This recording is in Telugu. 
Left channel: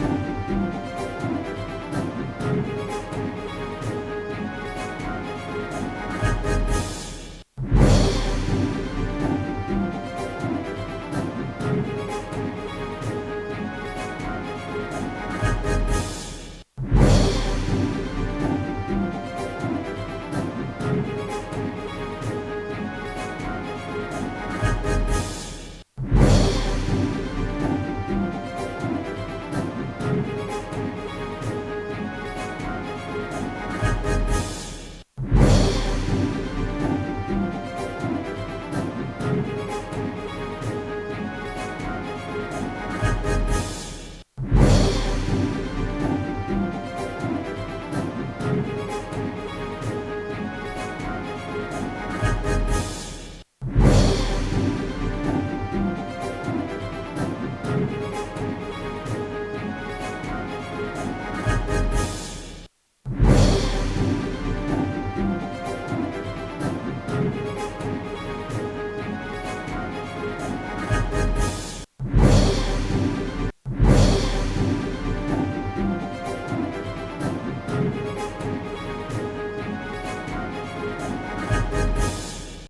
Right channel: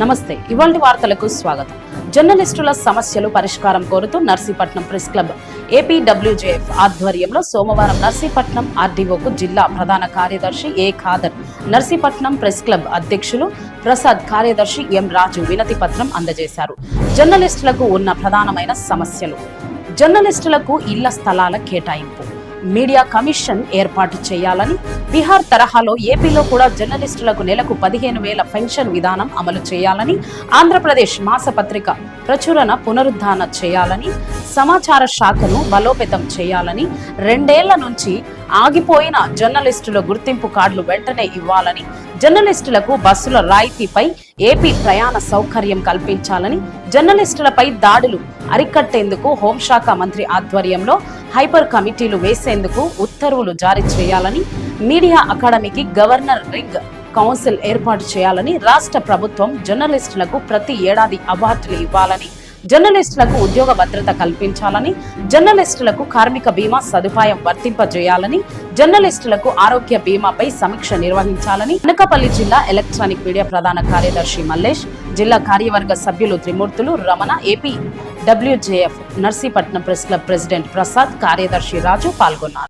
నమస్తే. ఇవాల్టి వార్తలకు స్వాగతం. జర్నలిస్టుల సమస్యలు పరిష్కారం కోరుతూ నర్సీపట్నం ప్రెస్ క్లబ్ ఏపీడబ్ల్యూజేఎఫ్ ఆధ్వర్యంలో సోమవారం నర్సీపట్నం ఆర్డీఓకు జిల్లా ప్రధాన కార్యదర్శి ఏ ఖాదర్, నర్సీపట్నం ప్రెస్ క్లబ్ అధ్యక్షులు ప్రసాద్, కార్యదర్శి ఎం రాజు వినతి పత్రం అందజేశారు. జర్నలిస్టులకు ఉన్న ప్రధానమైన సమస్యలు: జర్నలిస్టులకు ఇళ్ల స్థలాల కేటాయింపు, మీడియా కమిషన్ ఏర్పాటు చేయాలని, బీహార్ తరహాలో ఏపీలో కూడా జర్నలిస్టులకు నెలకు 15,000 పెన్షన్ విధానం అమలు చేయాలని, ఆంధ్రప్రదేశ్ మాసపత్రిక ప్రచురణ పునరుద్ధరణ చేయాలని, సమాచార శాఖను బలోపేతం చేయాలని, 2 ఏళ్ల నుంచి ఆగిపోయిన జర్నలిస్టుల గుర్తింపు కార్డులు వెంటనే ఇవ్వాలని, జర్నలిస్టులకు బస్సుల రాయితీపై ఏపీ ప్రయాణ సౌకర్యం కల్పించాలని, జర్నలిస్టులపై దాడులు అరికట్టేందుకు హోంశాఖ మంత్రి ఆధ్వర్యంలో హైపర్ కమిటీలు వేసేందుకు ఉత్తర్వులు జారీ చేయాలని, మీడియా అకాడమీకి గవర్నర్ రింగ్ కౌన్సిల్ ఏర్పాటు చేయాలని, రాష్ట్ర ప్రభుత్వం జర్నలిస్టులకు ప్రతి ఏడాది అవార్డులు ఇవ్వాలని, జర్నలిస్టులకు ఉద్యోగ భద్రత కల్పించాలని, జర్నలిస్టులకు కార్మిక బీమా సదుపాయం వర్తింపజేయాలని, జర్నలిస్టులకు ఆరోగ్య బీమాపై సమీక్ష నిర్వహించాలని అనకాపల్లి జిల్లా ఎలక్ట్రానిక్ మీడియా ప్రధాన కార్యదర్శి మల్లేష్, జిల్లా కార్యవర్గ సభ్యులు Trimurthulu, Ramana, AP WJF Narsipatnam press club president Prasad, కార్యదర్శి రాజు పాల్గొన్నారు.